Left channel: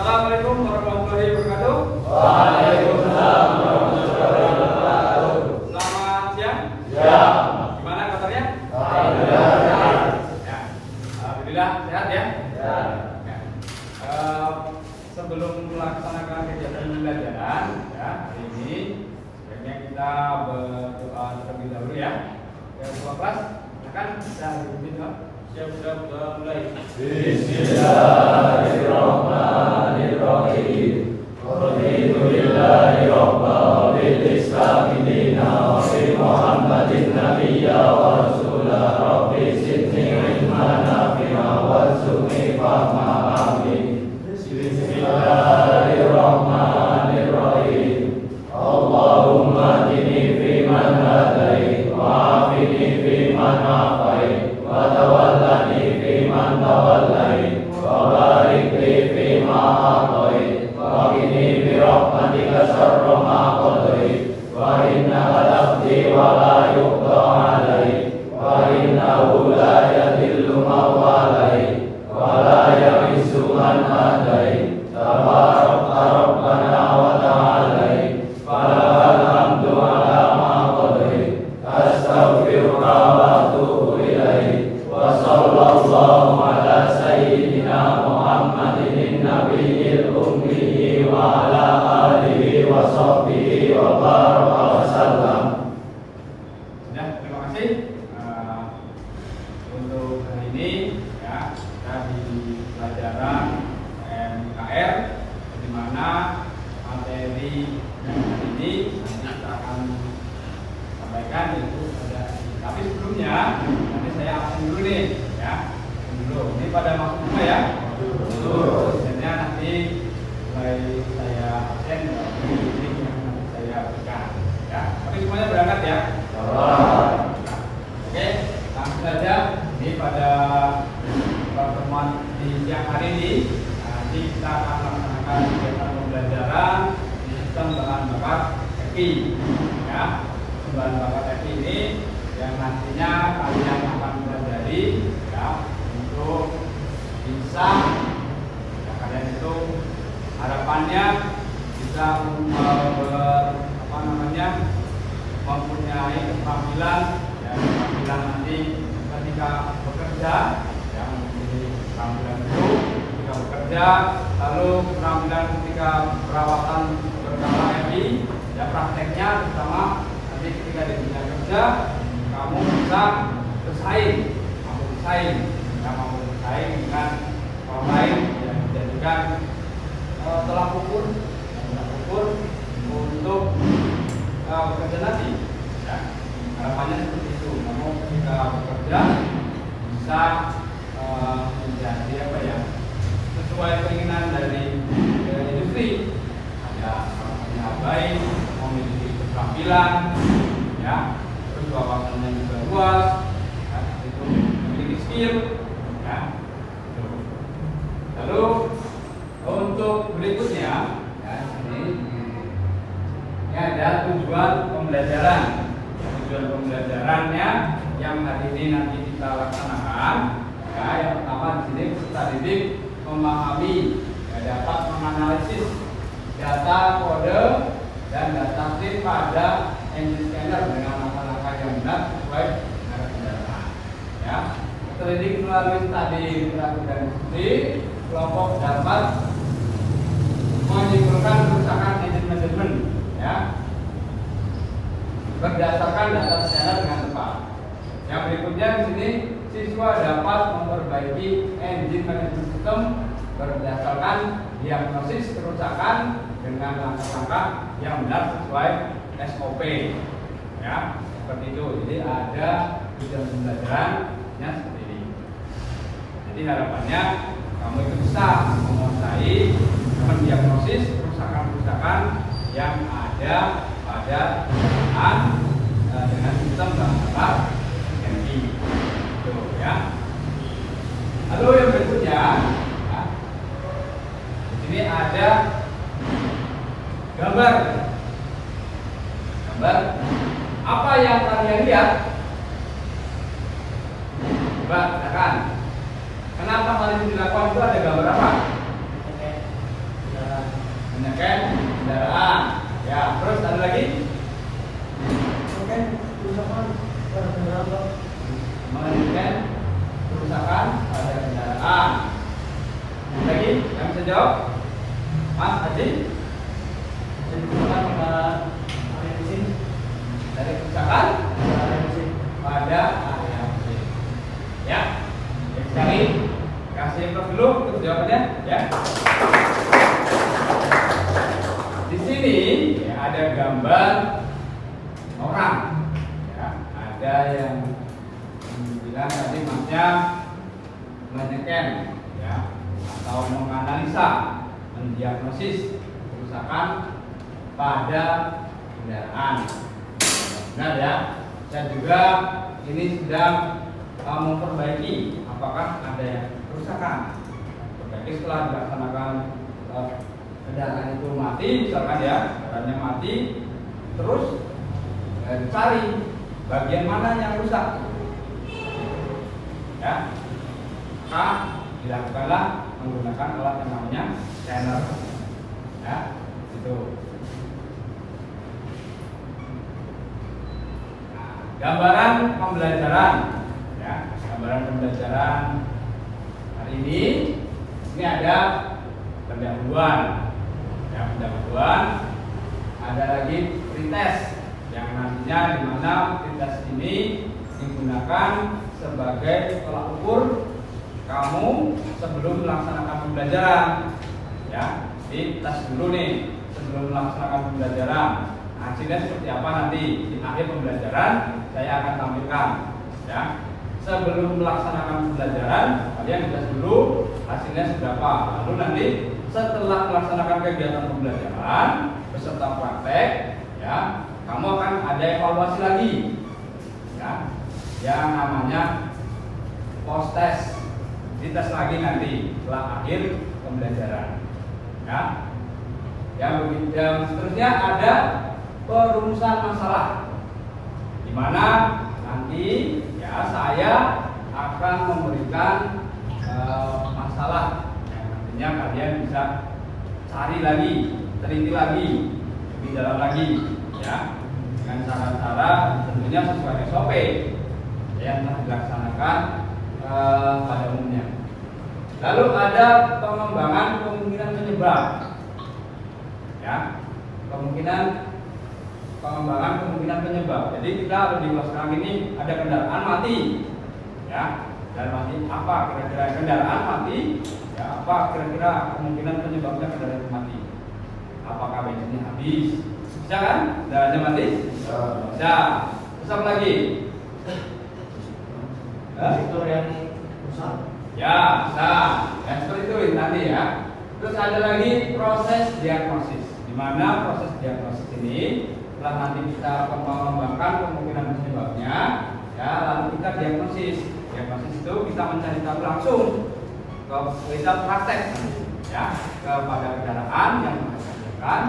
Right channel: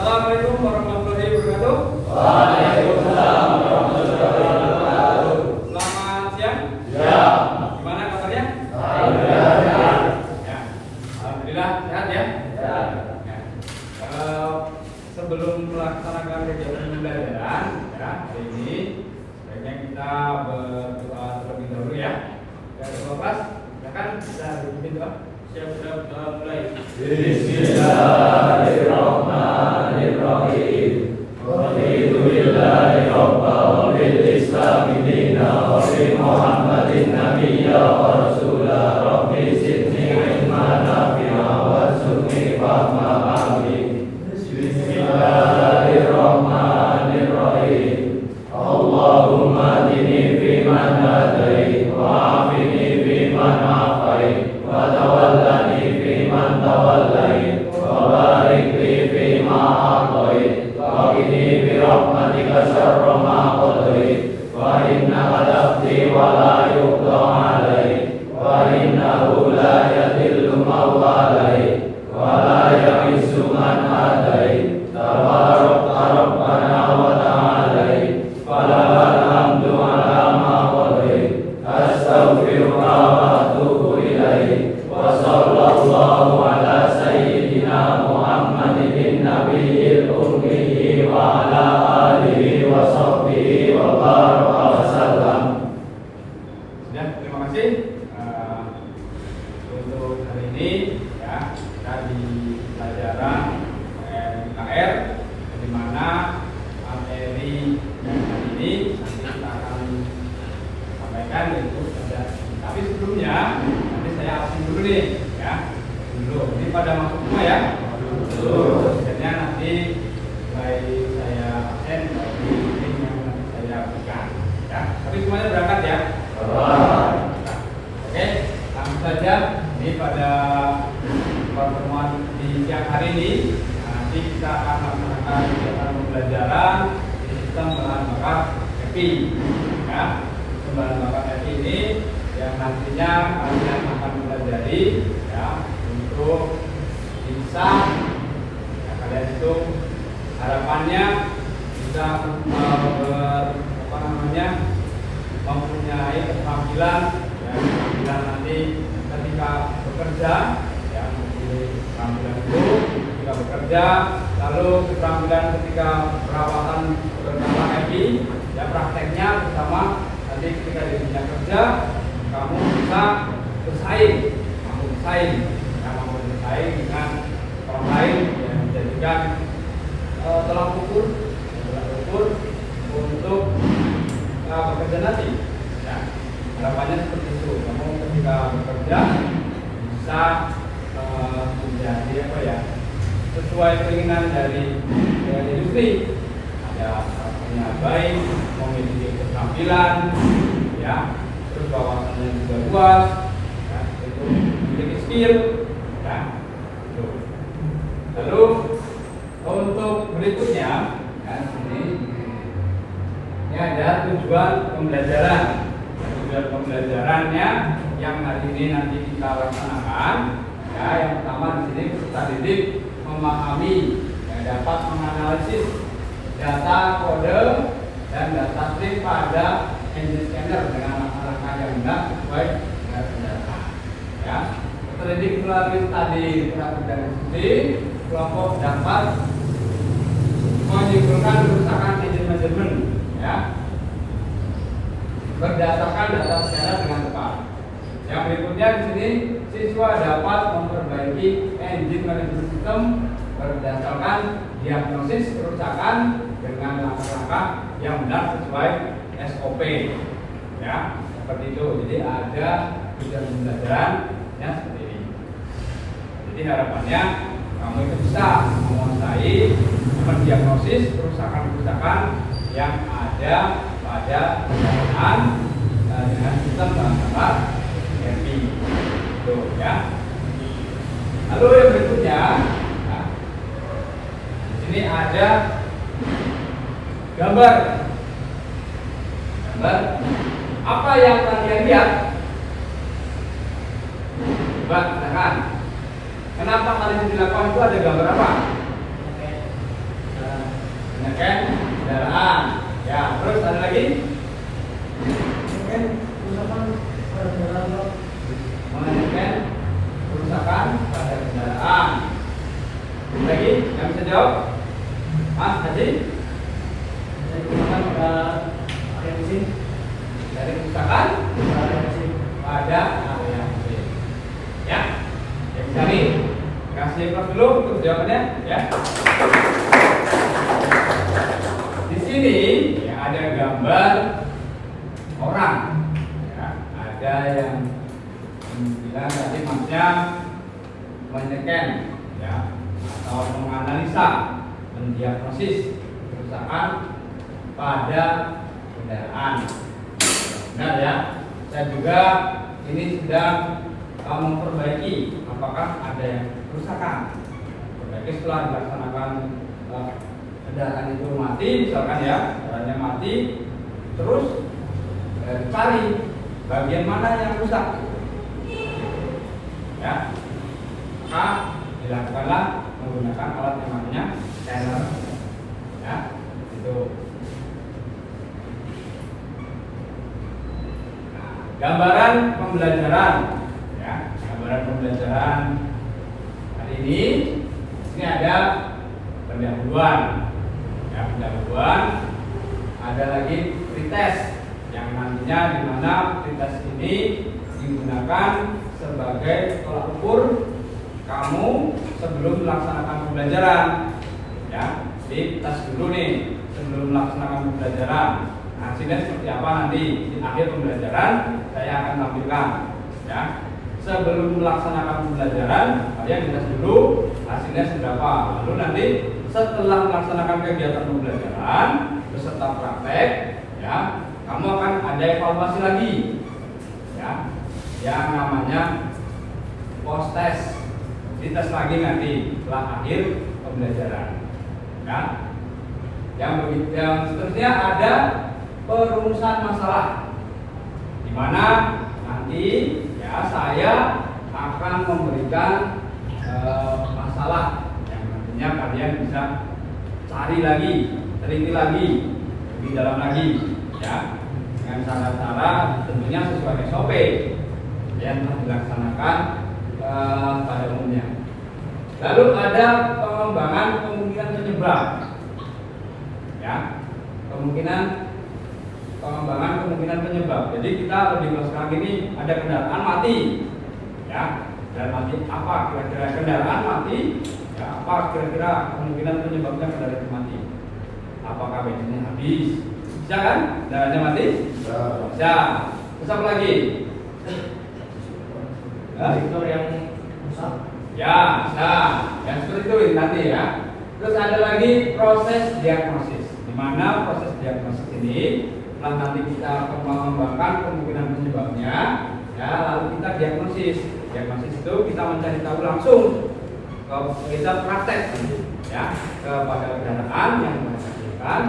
Assalamualaikum warahmatullahi wabarakatuh. Waalaikumsalam warahmatullahi wabarakatuh. Selamat siang. Ya. Gimana kabarnya? Alhamdulillah. Ya. Alhamdulillah sehat ya. Ya. Sebelum melaksanakan kegiatan pembelajaran ya hari ini, sebaiknya kita berdoa terlebih dahulu ya. Ketua kelas, silakan bisa dipimpin doa. Siap-siap mulai. Bismillahirrahmanirrahim. Alhamdulillahi rabbil Islam dinan wa bi Muhammadin nabiyya wa rasulah. Rabbi zidni ilman nafi'a warzuqni fahma. Amin. Bismillahirrahmanirrahim. Allahumma hdini fiman hadait wa afini fiman afait wa tawallani fiman tawallait wa barik li fima a'tait wa qini bi rahmatika syarra ma qadait wa innaka taqdi wa la yuqda 'alaik wa innahu la yadhillu man walait wa la ya'izzu man adait tabarak rabbana wa ta'alait falakal hamdu 'ala ma qadait astaghfiruka wa atubu ilaik wa sallallahu ala sayyidina Muhammadin nabiyil ummi wa ala alihi wa sahbihi wa baraka wa sallam. Ya, terima kasih. Untuk hari ini ya kita di pelajaran MKR, di mana materi yang hari ini nanti kita akan sampaikan yaitu ada. Tapi sebelumnya nanti saya absen dulu nih ya. Dulu. Ini pada masuk semua ya. Sebenarnya nanti mulai saya absen ini yang saya berikan ya. Tapi semuanya berangkat ya. Oke, langsung saja. Ini pada pertemuan di siang hari ini nanti kita akan melaksanakan kegiatan pembelajaran di sistem bahan bakar EPI ya. Bahan bakar EPI ini yang nantinya kalian akan pelajari ya untuk bisa ya, kalian itu harapannya bisa mempunyai keterampilan ya, keterampilan nanti ketika bekerja yang keterampilan itu ketika bekerja, lalu keterampilan ketika perawatan berkala EPI ya, prakteknya bersama nanti ketika di dunia kerja kamu bisa bersaing dengan orang lain yang menjadikan tolak ukur untuk bekerja nanti ya. Harapannya seperti itu, kamu ketika bekerja bisa menjadi apa ya, sesuai keinginan dari industri, ada punya baik, memiliki keterampilan ya, terus wawasannya juga luas ya, itu memiliki skill ya. Lalu untuk berikutnya ya, ini ada tujuan pembelajaran. Tujuan pembelajarannya yang hari ini nanti kita laksanakan ya, yang pertama di sini peserta didik memahami ya, dapat menganalisis data kode dan data string pada engine scanner dengan langkah-langkah yang benar sesuai dengan kendaraan ya. Terdidik melalui tadi literasi dan diskusi, kelompok dapat menyimpulkan kerusakan engine manajemen ya, berdasarkan data scanner dengan tepat. Yang berikutnya di sini siswa dapat memperbaiki engine manajemen sistem berdasarkan diagnosis kerusakan dengan langkah-langkah yang benar sesuai SOP ya, seperti itu. Jadi ada tujuan pembelajarannya seperti ini. Jadi harapannya kamu itu bisa menguasai mendiagnosis kerusakan-kerusakan yang ada pada kendaraan dengan sistem bahan bakar EPI itu ya. Lalu yang berikutnya ya, ini ada gambar apa yang kalian lihat. Coba silakan. Kenapa kalian dilakukan itu, ada gambar apa? bisa jawab? Mas Haji? Dari kerusakan pada area mesin. Ya, cari. Kasih plus dulu untuk jawabannya, ya. Di sini ya ada gambar orang. Ya, ada yang bilang tadi maksudnya menyeken, ya, atau menganalisa, mendiagnosis kerusakan pada kendaraan. Benar ya. Dan juga ini sedang memperbaiki apakah ada yang kerusakan. Perbaiki setelah dilaksanakan kendaraan itu mati, misalkan ya, kendaraannya mati, terus dicari bagian mana yang rusak. Ya, maka dilakukanlah menggunakan alat yang namanya scanner. Ya, itu. Nah, gambaran pembelajaran, ya, gambaran pembelajaran hari ini ada pendahuluan, ya, pendahuluan. Ada lagi pretest yang nantinya di mana pretest ini digunakan sebagai tolak ukur kamu sebelum melaksanakan pembelajaran, ya. Jadi tes dulu nih sebelum melaksanakan pembelajaran. Nah, hasilnya seperti apa nanti di akhir pembelajaran saya akan tampilkan, ya. Sebelum melaksanakan pembelajaran kalian dites dulu hasilnya seberapa. Lalu nanti setelah melaksanakan kegiatan pembelajaran beserta praktek, ya, kamu akan ada evaluasi lagi, ya, yang namanya post test. Dites lagi nanti setelah akhir pembelajaran, ya. Yang seterusnya ada perumusan masalah, di mana nanti ya saya akan memberikan masalah yang nantinya kalian bisa cari lagi, teliti lagi, lebih dalam lagi, ya, dengan cara-cara tentunya sesuai SOP yang telah dilaksanakan pada umumnya. Lalu ada pengembangan kemungkinan penyebab, ya, pengembangan kemungkinan penyebab. Jadi kita lebih sekarang ini ada kendaraan mati, ya, kendaraan mati apa kira-kira kendaraan mati, ya, apa kira-kira kemungkinan penyebabnya kendaraan itu mati? Apakah bensinnya habis? Bisa kan? Kendaraannya mati? Bisa. Terus apa lagi? Fitur yang rusak. Ya, nah, yang seperti itu nanti ya. Terus ada lagi proses diagnosis, di mana proses diagnosis ini nanti kita akan mengembangkan kemungkinan penyebabnya, ya, lalu kita diagnosis. Diagnosis itu kita mencari tahu langsung, kita praktek, ya, kepada kendaraan yang menghasilkan,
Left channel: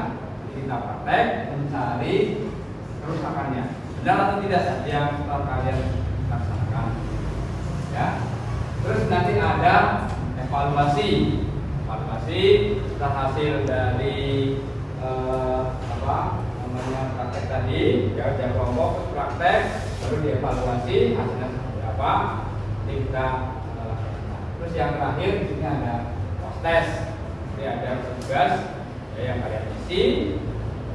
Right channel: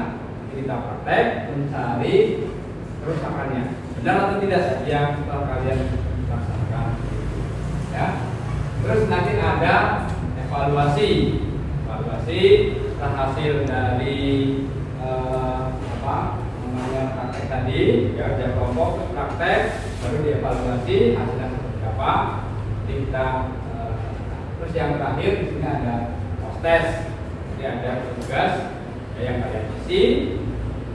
kita praktek mencari kerusakannya, benar atau tidak yang telah kalian laksanakan, ya. Terus nanti ada evaluasi setelah hasil dari praktek tadi, ya, udah kelompok praktek, baru dievaluasi hasilnya seperti apa. Kita terus yang terakhir di sini ada post test. Jadi ada tugas yang kalian isi,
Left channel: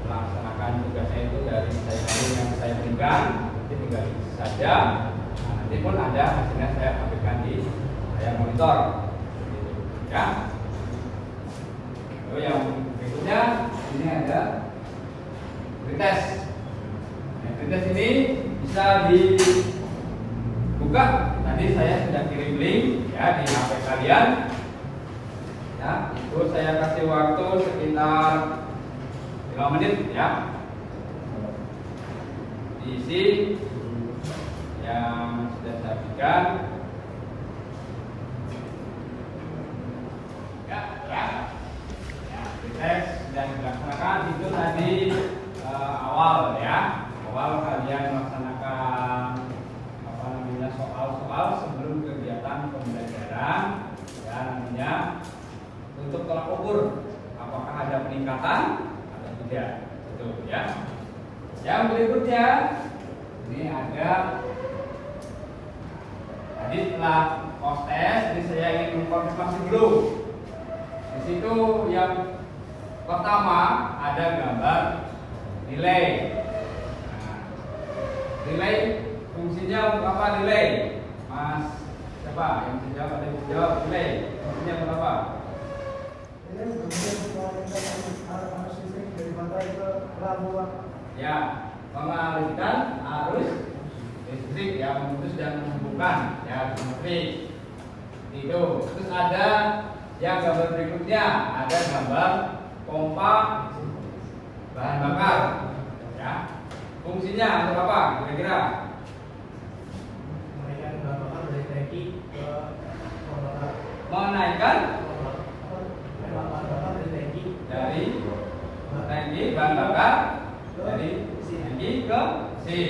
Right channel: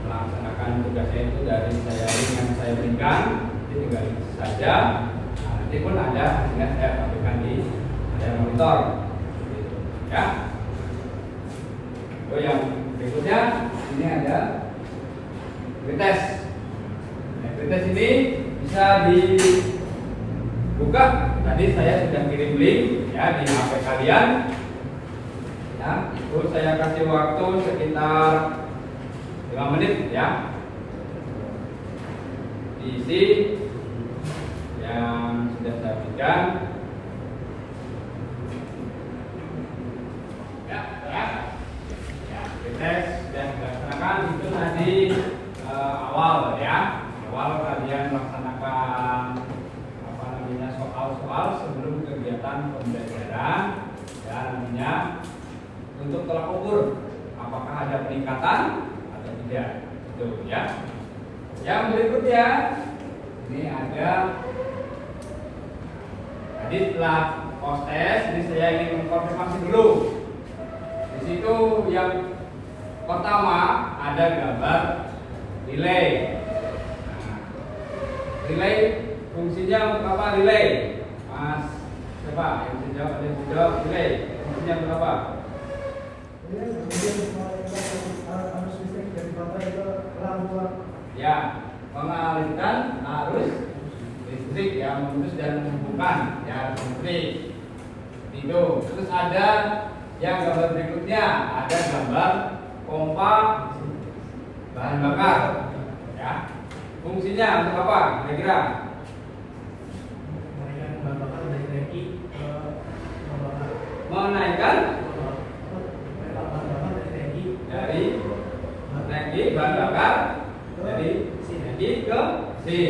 melaksanakan tugasnya itu dari yang saya berikan, jadi tinggal isi saja. Nah, nanti pun ada hasilnya saya tampilkan di layar monitor, gitu, ya. Lalu yang berikutnya ini ada pretest. Nah, pretest ini bisa dibuka. Tadi saya sudah kirim link, ya, di HP kalian. Ya, itu saya kasih waktu sekitar 5 menit, ya. Diisi yang sudah saya berikan. Dan dilaksanakan itu tadi awal, ya, awal kalian melaksanakan soal-soal sebelum kegiatan pembelajaran, ya, namanya untuk tolak ukur apakah ada peningkatan atau tidak, itu, ya. Yang berikutnya ini ada tadi setelah post test, jadi saya ingin mengkonfirmasi dulu. Di situ yang pertama ada gambar relay. Nah, relay fungsinya untuk apa relay? Mas, siapa yang bisa jawab? Ada yang bisa jawab relay fungsinya untuk apa? Ya, mengalirkan arus listrik yang memutus dan menghubungkan ya listrik. Itu. Terus ada yang gambar berikutnya, ada gambar pompa bahan bakar. Ya. Fungsinya untuk apa? Kira-kira? Menaikkan dari tangki bahan bakar dari tangki ke sini.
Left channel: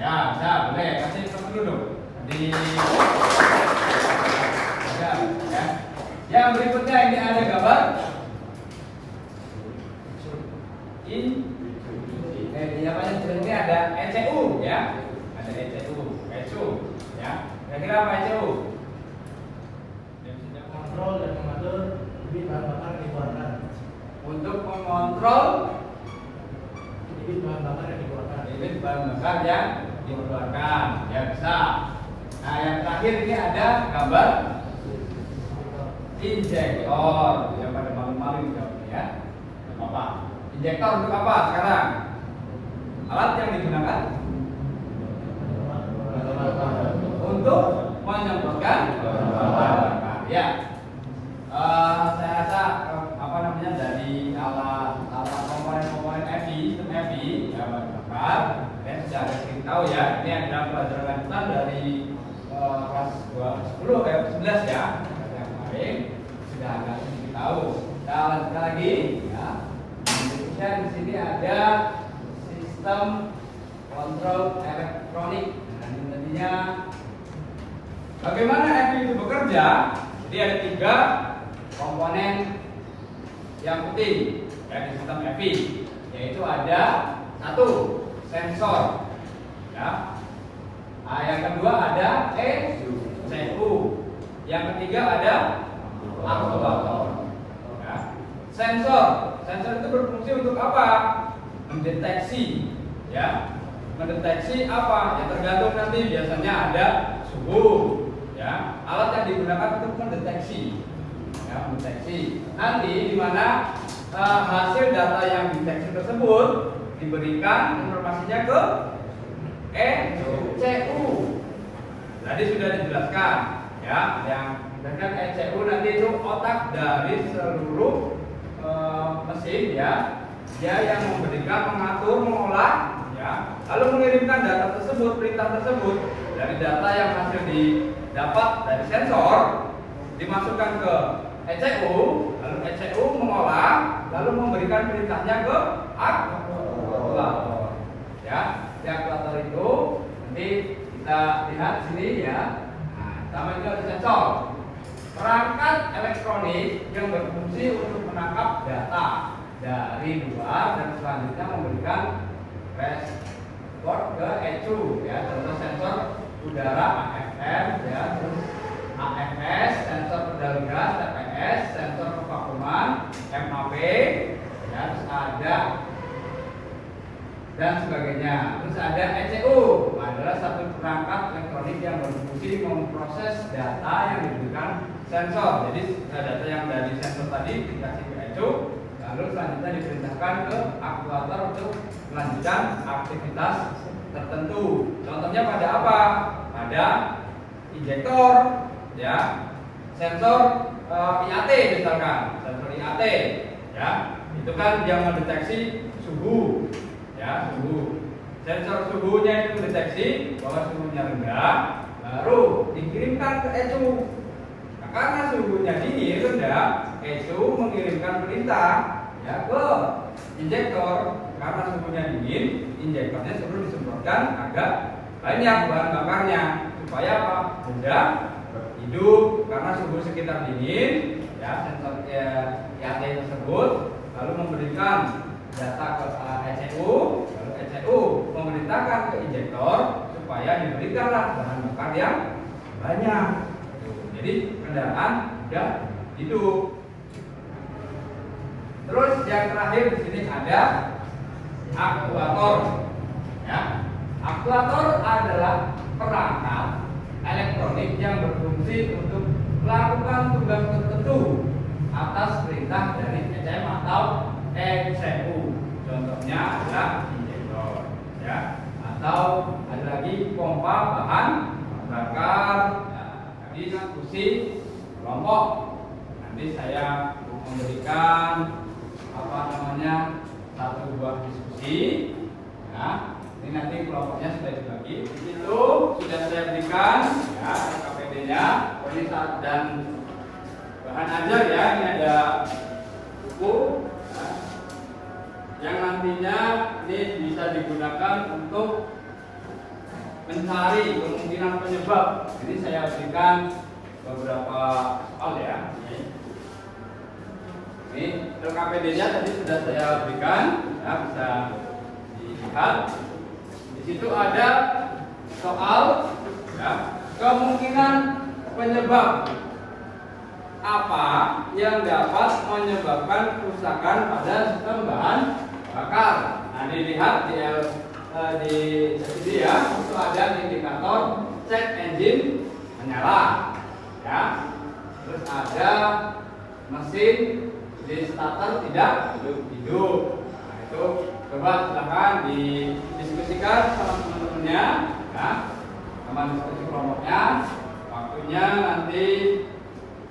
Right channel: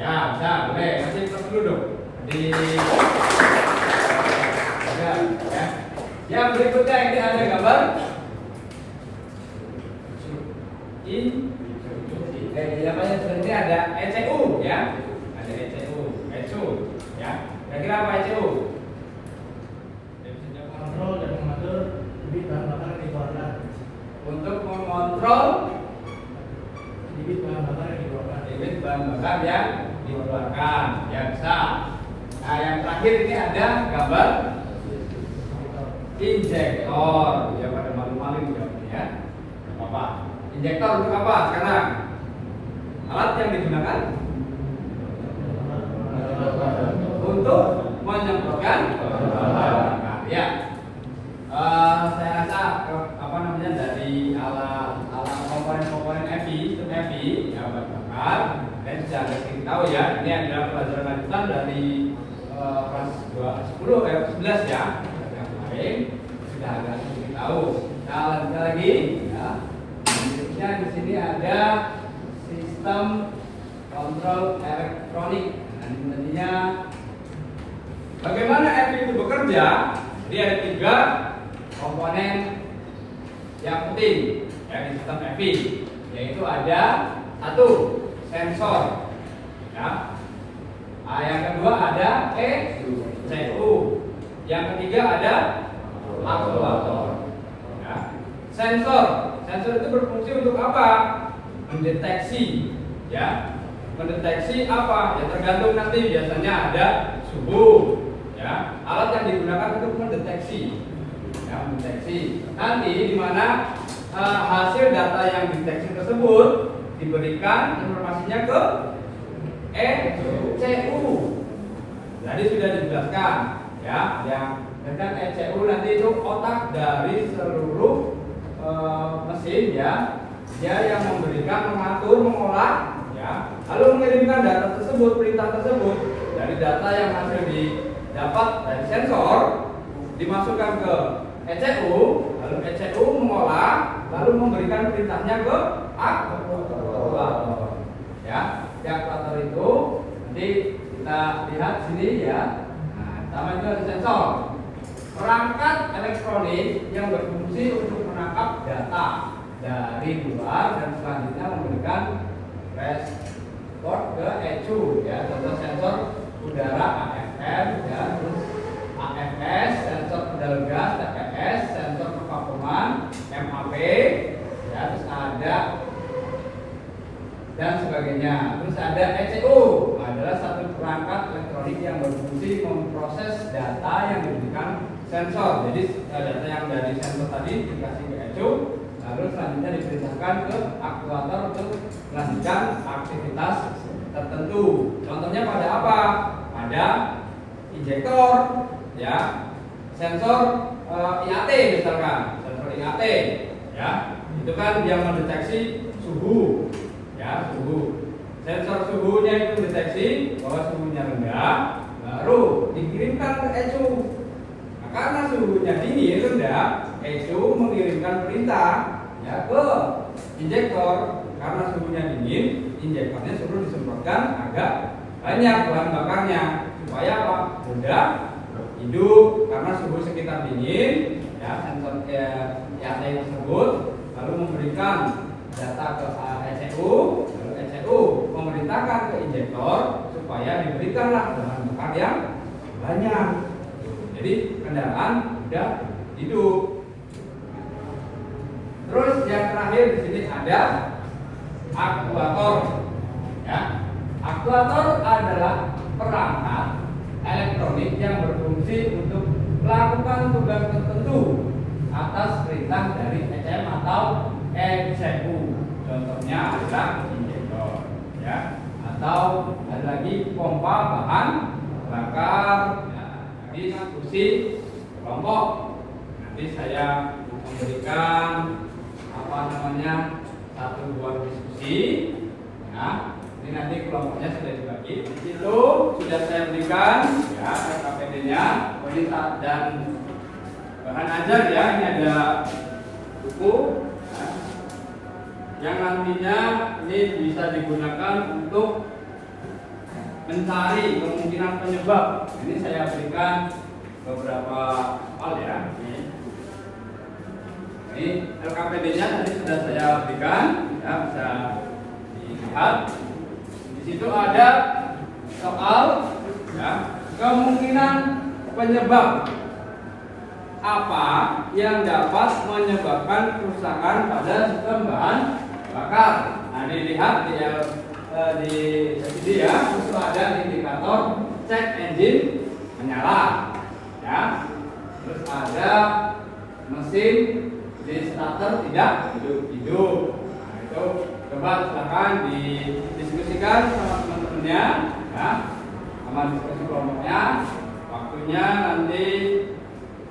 Ya, bisa, boleh. Masih terus duduk di ya. Yang berikutnya ini ada gambar ini ada ECU ya. Ada ECU ya. Kira-kira apa ECU? Kontrol dan mengatur debit bahan bakar yang dikeluarkan. Untuk mengontrol Debit bahan bakar yang dikeluarkan. debit bahan bakar yang dikeluarkan. Ya bisa. Nah yang terakhir ini ada gambar injektor. Ya pada malu-malu jawabnya. Apa? Injektor untuk apa sekarang? Alat yang digunakan untuk menyemprotkan bahan bakar. Ya. Saya rasa apa namanya dari alat komponen EPI ya bahan bakar dan sudah agak sedikit tahu ya. Ini adalah pelajaran lanjutan dari kelas 10 kayak 11 ya. Yang kemarin sudah agak sedikit tahu. Nah, lanjutkan lagi ya. Kemudian di sini ada sistem kontrol elektronik. Nah, intinya bagaimana EPI itu bekerja? Jadi ada 3 komponen yang penting ya di sistem EPI, yaitu ada 1 sensor, ya. Yang kedua ada ECU, yang ketiga ada aktuator. Ya. Sensor itu berfungsi untuk apa? Mendeteksi, ya. Mendeteksi apa? Ya tergantung nanti biasanya ada suhu. Ya, alat yang digunakan untuk mendeteksi, ya, mendeteksi. Nanti di mana hasil data yang dideteksi tersebut diberikan informasinya ke ECU. Tadi sudah dijelaskan, ya, yang dengan ECU nanti itu otak dari seluruh mesin, ya, dia yang memberikan, mengatur, mengolah, ya, lalu mengirimkan data tersebut, perintah tersebut dari data yang hasil didapat dari sensor dimasukkan ke ECU, lalu ECU mengolah, lalu memberikan perintahnya ke aktuator. Ya, di aktuator itu nanti kita lihat sini ya. Nah, pertama itu ada sensor, perangkat elektronik yang berfungsi untuk menangkap data dari luar dan selanjutnya memberikan respon ke ECU. Ya, contoh sensor udara AFM, ya, terus AFS, sensor pedal gas TPS, sensor kevakuman MAP, ya, terus ada dan sebagainya. Terus ada ECU, adalah satu perangkat elektronik yang berfungsi memproses data yang diberikan sensor. Jadi data yang dari sensor tadi dikasih ke ECU, lalu selanjutnya diperintahkan ke aktuator untuk melanjutkan aktivitas tertentu. Contohnya pada apa? Pada injektor, ya, sensor IAT misalkan, sensor IAT, ya, itu kan yang mendeteksi suhu, ya, suhu. Sensor suhunya itu mendeteksi bahwa suhunya rendah, baru dikirimkan ke ECU. Nah, karena suhunya dingin rendah, ECU mengirimkan perintah, ya, ke injektor. Karena suhunya dingin, injektornya suruh disemprotkan agak banyak bahan bakarnya supaya apa? Mudah hidup karena suhu sekitar dingin, ya, sensor IAT tersebut lalu memberikan data ke ECU, lalu ECU memerintahkan ke injektor supaya diberikanlah bahan bakar yang banyak. Jadi kendaraan mudah hidup. yang terakhir di sini ada aktuator. Ya. Aktuator adalah perangkat elektronik yang berfungsi untuk melakukan tugas tertentu atas perintah dari ECM atau ECU. Contohnya adalah injektor, ya, atau ada lagi pompa bahan bakar. Ya, tadi kan fungsi kelompok. Nanti saya memberikan satu buah diskusi. Ya, ini nanti kelompoknya sudah dibagi. Di situ sudah saya berikan ya KPD-nya, dan bahan ajar ya. Ini ada buku ya, yang nantinya ini bisa digunakan untuk mencari kemungkinan penyebab. Ini saya berikan beberapa hal ya. Ini LKPD-nya tadi sudah saya berikan, ya, bisa dilihat. Di situ ada soal ya, kemungkinan penyebab apa yang dapat menyebabkan kerusakan pada sistem bahan bakar. Nah, dilihat di sini ya, itu ada indikator cek engine menyala, ya. Terus ada mesin di starter tidak hidup. Nah, itu coba silakan didiskusikan sama teman-temannya, ya, sama diskusi kelompoknya. Waktunya nanti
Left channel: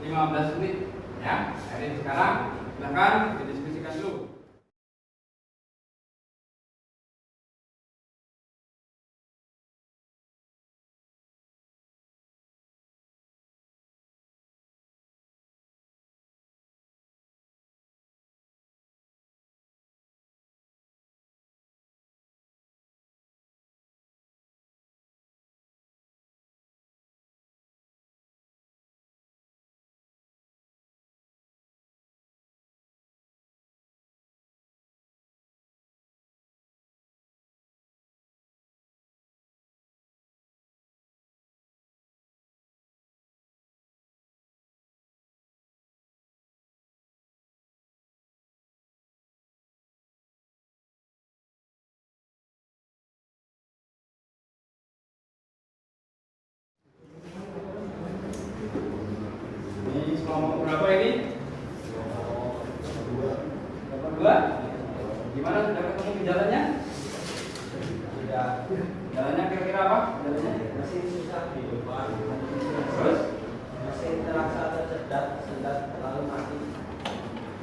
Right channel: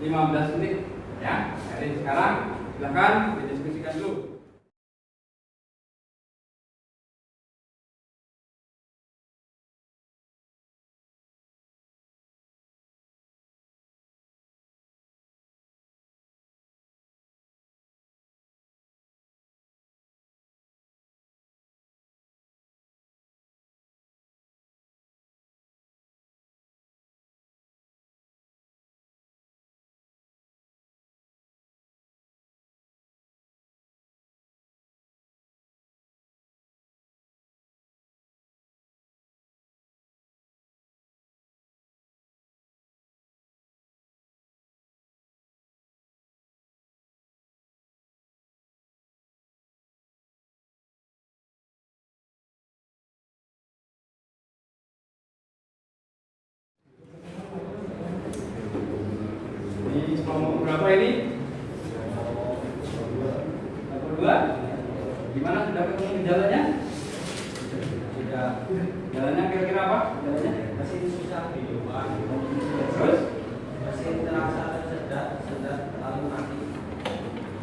15 menit, ya. Jadi sekarang silakan didiskusikan dulu. Ini kelompok berapa ini? Kelompok 2. Gimana, sudah ketemu gejalanya? Sudah. Gejalanya kira-kira apa? Gejalanya Mesin susah kehidupan. terus Mesin terasa tersedat, sedat lalu mati.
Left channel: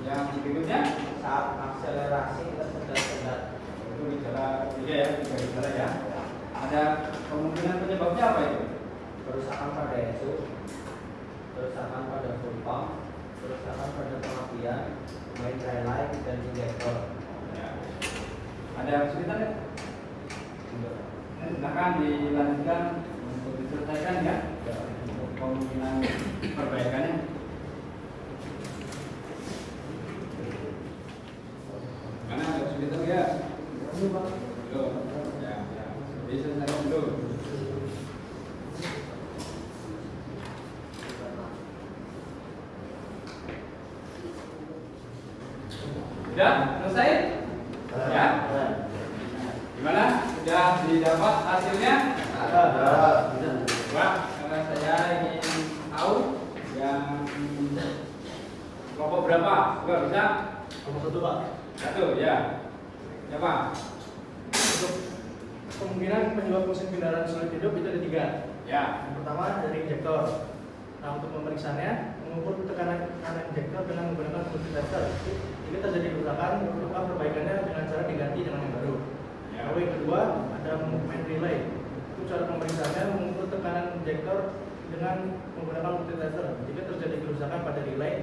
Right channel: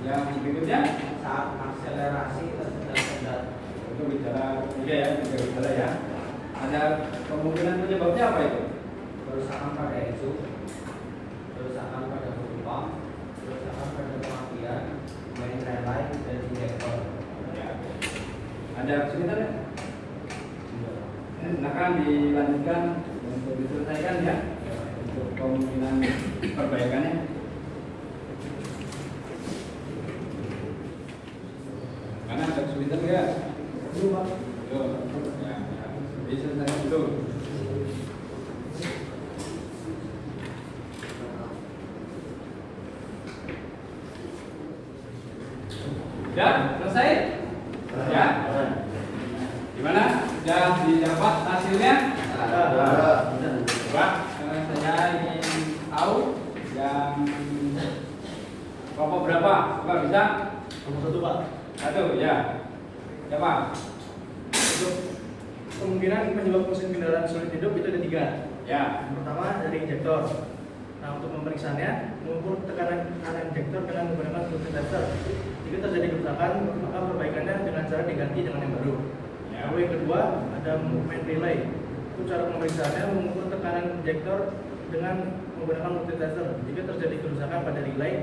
yang berikutnya Saat akselerasi tersedat. itu gejala tiga ya, tiga gejala ya. Ada kemungkinan penyebabnya apa itu? Kerusakan pada exhaust, kerusakan pada fuel pump, kerusakan pada pengapian, main relay dan injektor. Ya. Ada kesulitan ya? Silakan dilanjutkan untuk diselesaikan ya, untuk kemungkinan perbaikannya. Karena ada kesulitan enggak? Belum Pak. Belum. Ya, ya. Diselesaikan dulu. Sudah selesai? Ya. Gimana? Sudah didapat hasilnya? Coba, karena saya ingin tahu yang kelompok berapa? Coba bisa? Kelompok 1 Pak. Satu, ya. Siapa? Untuk kemungkinan penyebab mesin kendaraan sulit hidup itu ada 3. Ya. Yang pertama dari injektor. Nah, untuk pemeriksanya mengukur tekanan injektor dengan menggunakan multitester. Jika terjadi kerusakan, maka perbaikannya dengan cara diganti dengan yang baru. Ya. Lalu yang kedua ada movement relay. Itu cara pemeriksaannya mengukur tekanan injektor dengan menggunakan multitester. Jika terjadi kerusakan pada relay,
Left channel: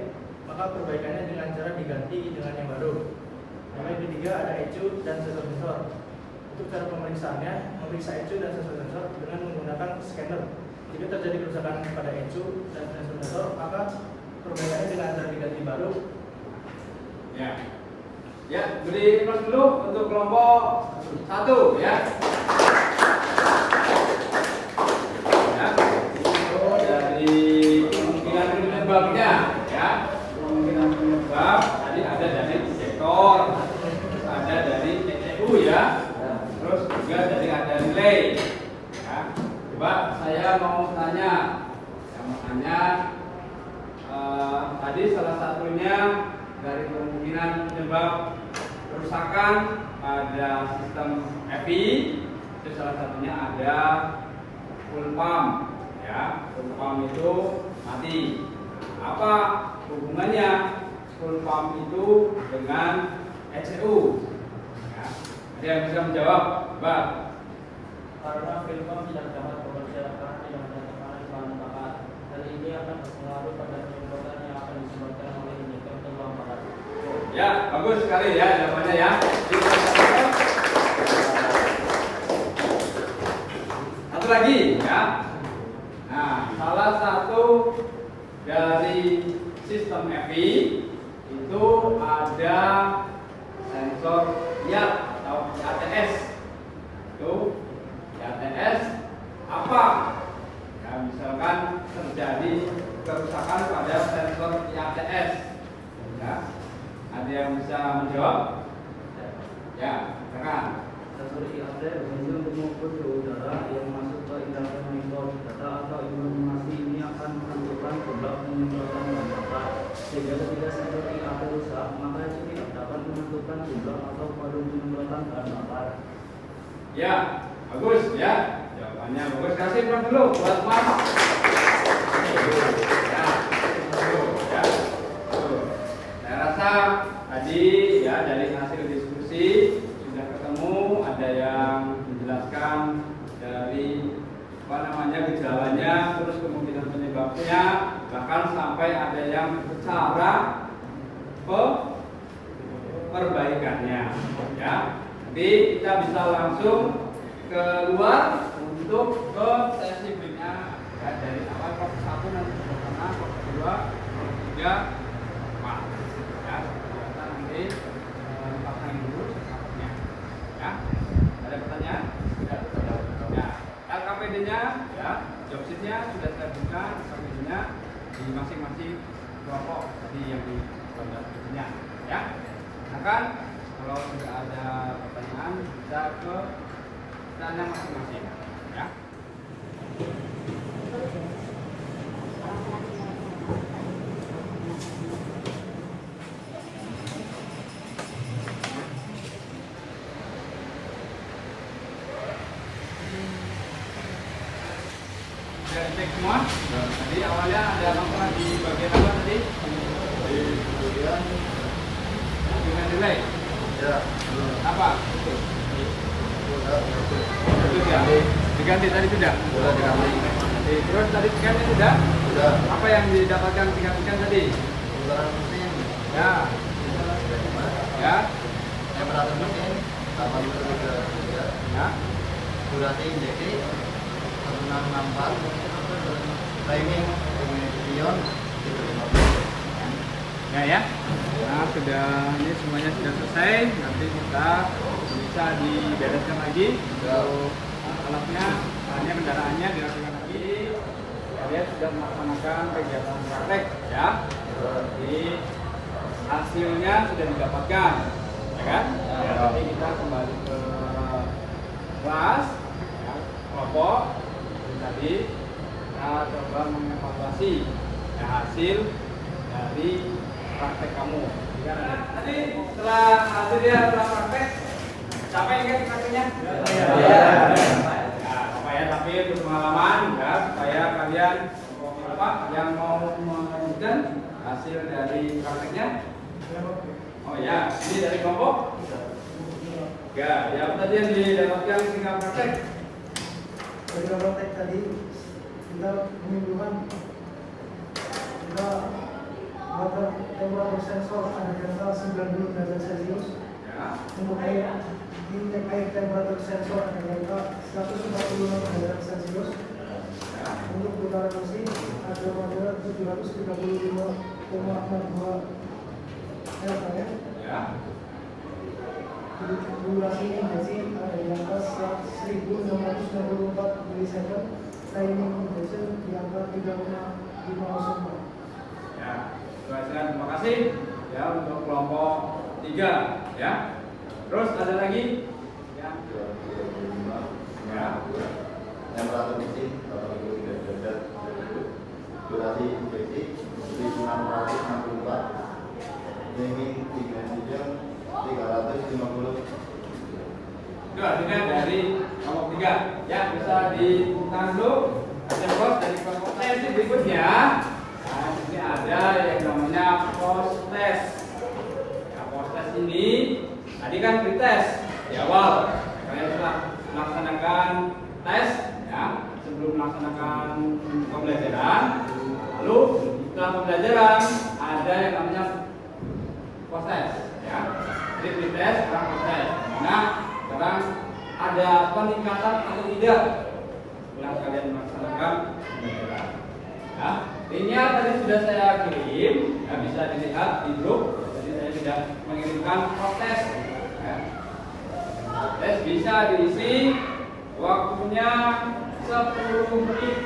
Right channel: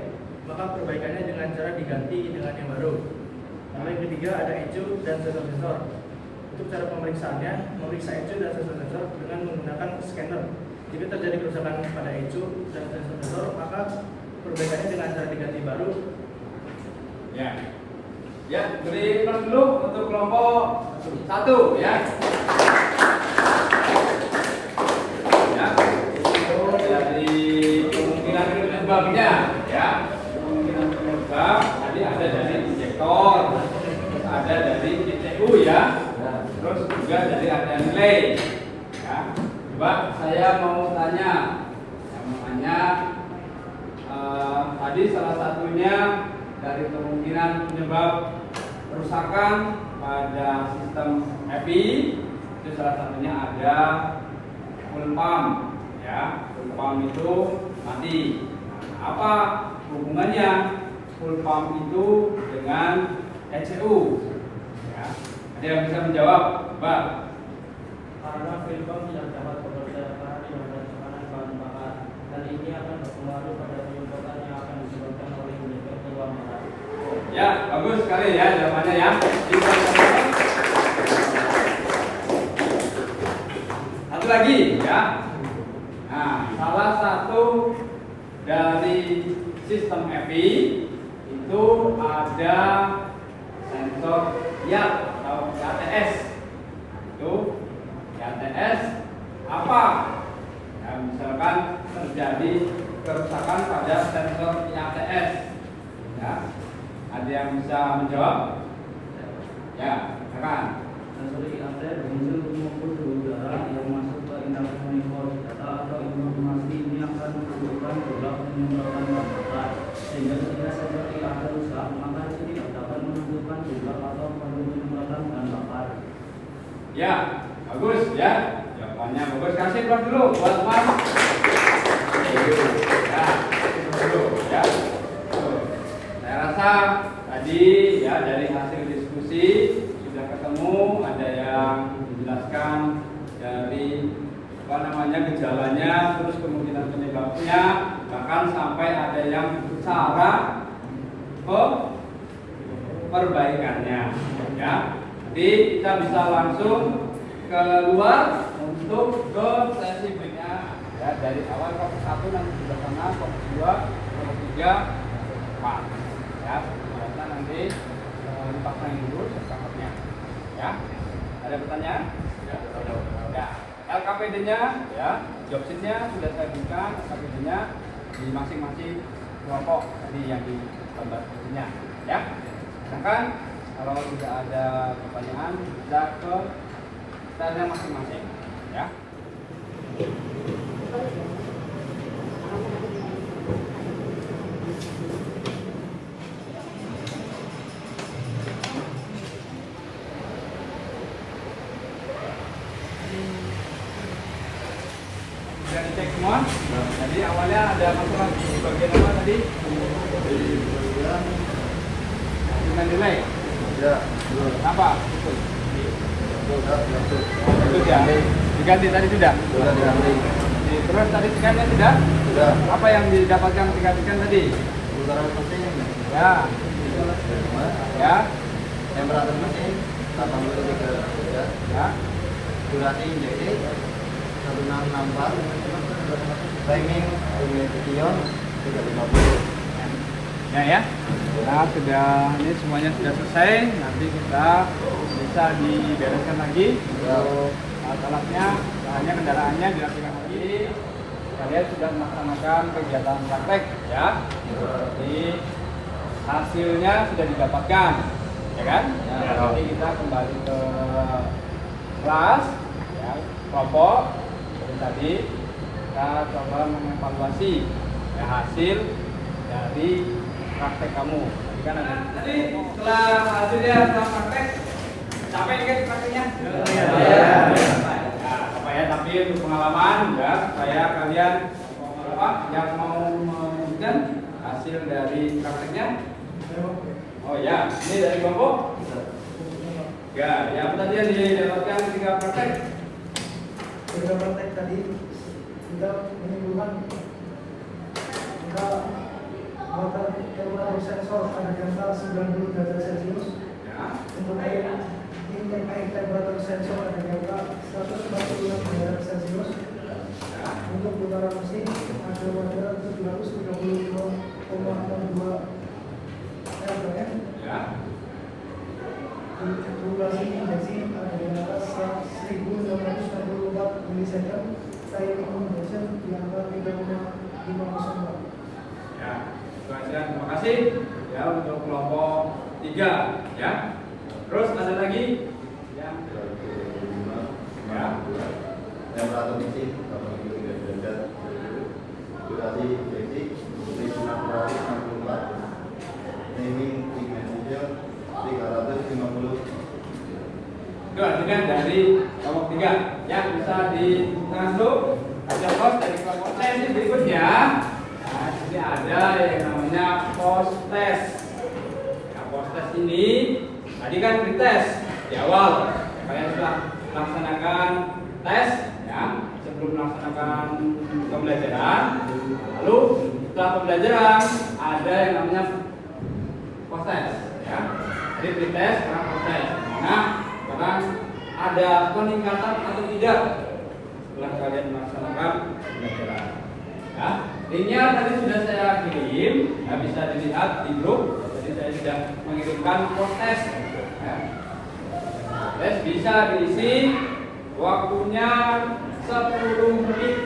maka perbaikannya dengan cara diganti dengan yang baru. Lalu yang ketiga ada ECU dan sensor-sensor. Untuk cara pemeriksaannya, memeriksa ECU dan sensor-sensor dengan menggunakan scanner. Jika terjadi kerusakan pada ECU dan sensor-sensor, maka perbaikannya dengan cara diganti baru. Ya. Ya, beri plus dulu untuk kelompok 1 ya. Ya. Itu dari kemungkinan penyebabnya ya. Kemungkinan penyebab tadi ada dari injektor. kemungkinan penyebab kerusakan pada sistem HEVI itu salah satunya ada full pump, ya. Full pump itu mati. Nah, apa hubungannya full pump itu dengan ECU? Ya. Ada yang bisa menjawab, Mbak? Karena fuel pump tidak dapat mempersiapkan yang tekanan bahan bakar, dan ini akan berpengaruh pada penyebabkan yang akan disebabkan oleh injektor teluang bakar. Ya, bagus sekali ya jawabannya ya. Satu lagi ya. Nah, salah satu dari sistem EVI itu ada sensor YAT atau ATS. Itu ATS apa? Ya, misalkan terjadi kerusakan pada sensor ATS. Ya. Ada yang bisa menjawab? Ya, silakan. Sensor IAT berfungsi untuk mengukur suhu udara yang masuk ke induktor manifold. Data atau informasi ini akan menentukan jumlah penyemprotan bahan bakar. Sehingga ketika sensor IAT rusak, maka itu tidak dapat menentukan jumlah atau volume penyemprotan bahan bakar. Ya, bagus ya. Jawabannya bagus. Kasih berapa dulu buat Mas? Ya, dulu ya. Saya rasa tadi ya dari hasil diskusi sudah ketemu, ada yang menjelaskan dari gejalanya, terus kemudian penyebabnya, bahkan sampai ada yang bicara perbaikannya. Ya, jadi kita bisa langsung keluar untuk ke sesi berikutnya. Ya, dari awal kelompok 1 nanti bersama, kelompok 2, kelompok 3, 4. Ya, kita nanti dipasang dulu setelahnya. Ya, ada pertanyaan? Ya, LKPD-nya, ya, job sheet-nya sudah saya berikan, LKPD-nya di masing-masing kelompok ini yang di gambar berikutnya. Ya, silakan kalau tidak ada pertanyaan bisa ke tanya masing-masing. Ya. Sudah dicek semua? Tadi awalnya ada masalah di bagian apa tadi? Di bagian dengan delay. Ya, Apa? Sudah diganti tadi sudah? sudah diambil. Terus tadi scan-nya sudah? Sudah. Apa yang didapatkan digantikan tadi? Putaran mesin Ya, 5, ya, temperatur mesin 83 derajat, ya. durasi injeksi 1664, timing ignition 350. Ya. Nah, ini semuanya sudah selesai. Nanti kita bisa dibereskan lagi untuk alat-alatnya, bahannya, kendaraannya dirapikan lagi. Kalian sudah melaksanakan kegiatan praktek, ya. Jadi hasilnya sudah didapatkan, ya kan? Nanti kita kembali ke kelas, ya, kelompok. Dan tadi kita coba mengevaluasi hasil dari praktek kamu. Tadi setelah hasilnya setelah praktek, capek kan prakteknya? Nah, supaya tapi untuk pengalaman, ya, supaya kalian yang mau menunjukkan hasil dari prakteknya. Oh ya, ini dari kelompok. Ya, yang tadi yang didapatkan ketika praktek. Dalam praktek tadi kita menyimpulkan bahwa temperatur sensor ada di atas 90 derajat Celcius. Ya. Untuk air temperatur sensor ada di atas 150 derajat Celcius. Ya. Untuk putaran mesin ada pada 732,62 RPM. Ya. Durasi injeksi ada di atas 1664 milisecond. Timing injection di angka 3,504. Ya, terima kasih ya untuk kelompok 3 ya. Terus ada lagi yang ya. Temperatur mesin 83 derajat, durasi injeksi 1664, timing ignition bisa dibuka dulu. Ada bos dari kelompok saya berikutnya. Nah, ini ada yang namanya post test. Ya, post test ini tadi kan dites di awal. Kalian sudah melaksanakan tes, ya, sebelum melaksanakan pembelajaran. Lalu setelah pembelajaran ada yang namanya post test, ya. Jadi pretest, sekarang post test. Nah, sekarang ada peningkatan atau tidak setelah kalian melaksanakan pembelajaran. Ya, linknya tadi sudah saya kirim, ya, bisa dilihat di grup. Jadi saya sudah mengirimkan post test. Ya. Tes bisa diisi, waktunya 10 menit.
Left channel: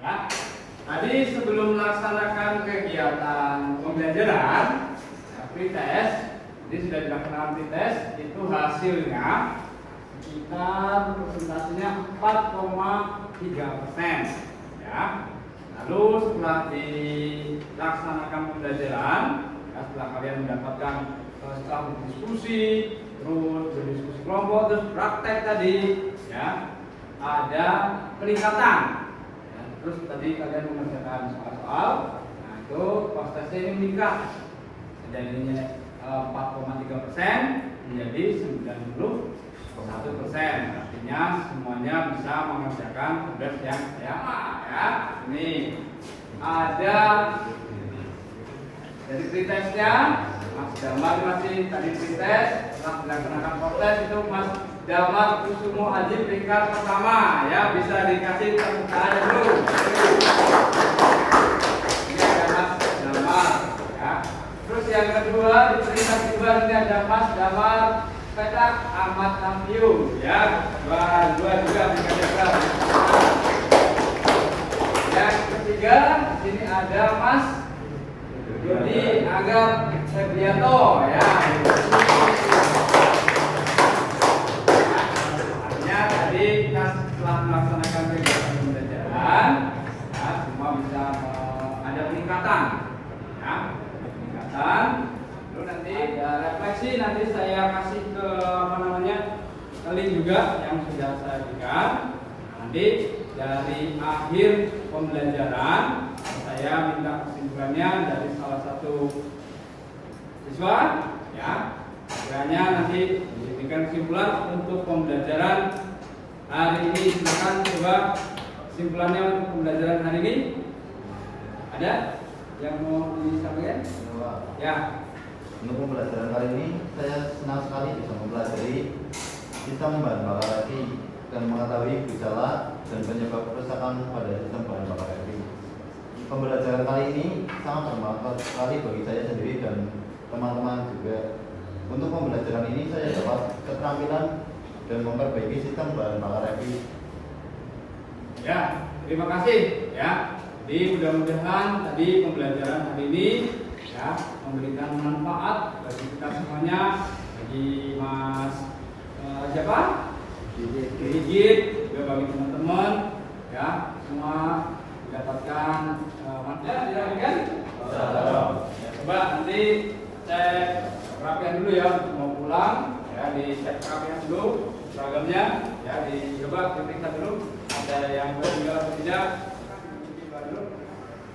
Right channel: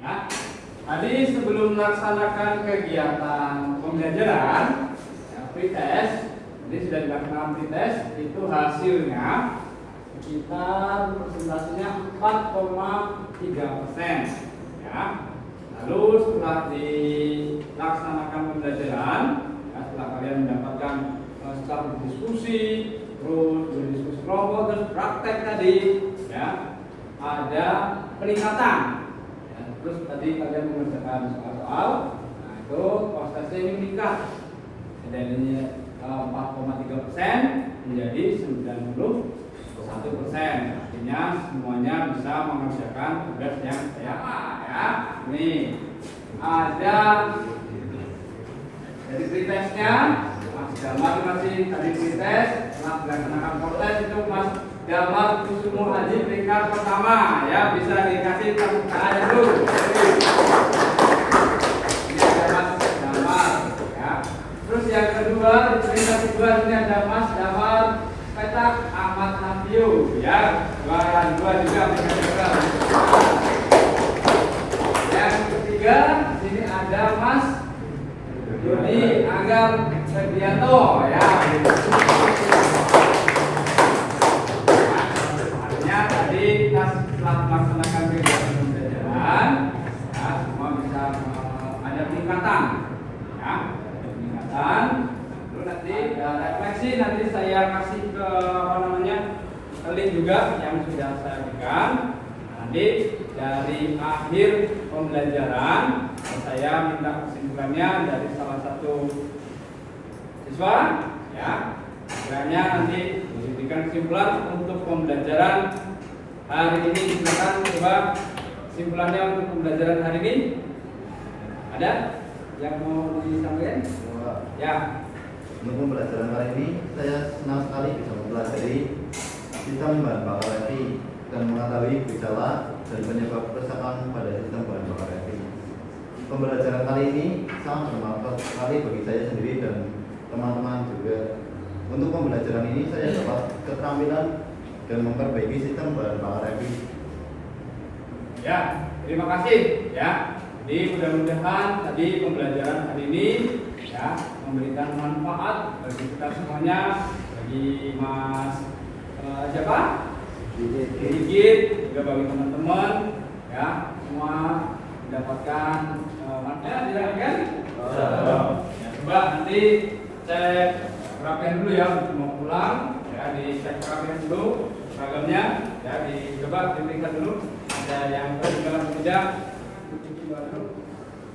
Nah, tadi sebelum melaksanakan kegiatan pembelajaran, ya, pretest, ini sudah dilaksanakan pretest, itu hasilnya sekitar persentasenya 4,3%, ya. Lalu setelah dilaksanakan pembelajaran, ya, setelah kalian mendapatkan setelah berdiskusi, terus berdiskusi kelompok, terus praktek tadi, ya, ada peningkatan. Dan terus tadi kalian mengerjakan soal-soal, nah itu prestasi ini meningkat dari 4,3% menjadi 91%. Artinya semuanya bisa mengerjakan tugas yang sama, ya. Ini ada dari pretestnya, Mas Darmat masih tadi pretest, setelah dilaksanakan proses itu Mas Darmat Kusumo Haji peringkat pertama, ya, bisa dikasih tepuk tangan dulu. Ini ada Mas Darmat, ya. Terus yang kedua, di peringkat kedua ini ada Mas Damar Kecak Ahmad Nafiu, ya, juara 2 juga peringkat. Yang ketiga, ini ada Mas Doni Agar Segiato, ya. Artinya tadi kita setelah melaksanakan kegiatan pembelajaran, ya, semua bisa ada peningkatan, ya, ada peningkatan. Lalu nanti ada refleksi, nanti saya kasih ke link juga yang sudah saya berikan. Nanti dari akhir pembelajaran saya minta kesimpulannya dari salah satu siswa, ya. Kiranya nanti diberikan kesimpulan untuk pembelajaran hari ini. Silakan coba kesimpulannya untuk pembelajaran hari ini. Ada yang mau disampaikan? Ya. Untuk pembelajaran kali ini saya senang sekali bisa mempelajari sistem bahan bakar reaksi dan mengetahui gejala dan penyebab kerusakan pada sistem bahan bakar reaksi. Pembelajaran kali ini sangat bermanfaat sekali bagi saya sendiri dan teman-teman juga. Untuk pembelajaran ini saya dapat keterampilan dan memperbaiki sistem bahan bakar reaksi. Ya, terima kasih, ya. Jadi mudah-mudahan tadi pembelajaran hari ini, ya, memberikan manfaat bagi kita semuanya, bagi Mas siapa? Digit, juga bagi teman-teman, ya, semua mendapatkan manfaat, tidak kan? Ya, coba nanti cek perapian dulu, ya, untuk mau pulang, ya, dicek perapian dulu seragamnya, ya, dicoba diperiksa dulu. Ada yang terus dalam tidak,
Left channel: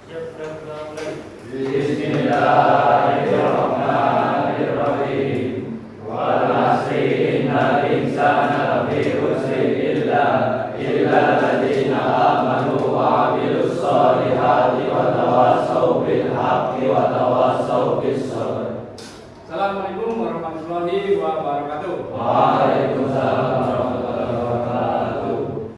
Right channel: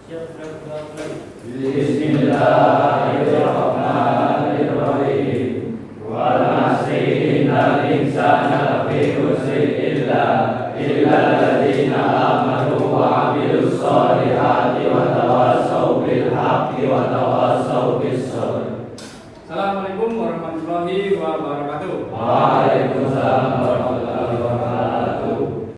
Bismillahirrahmanirrahim. Wal 'asri innal insana lafi khusrin illa alladziina aamanu wa 'amilus shalihati wa tawassaw bil haqqi wa tawassaw bis sabr. Assalamualaikum warahmatullahi wabarakatuh. Waalaikumsalam.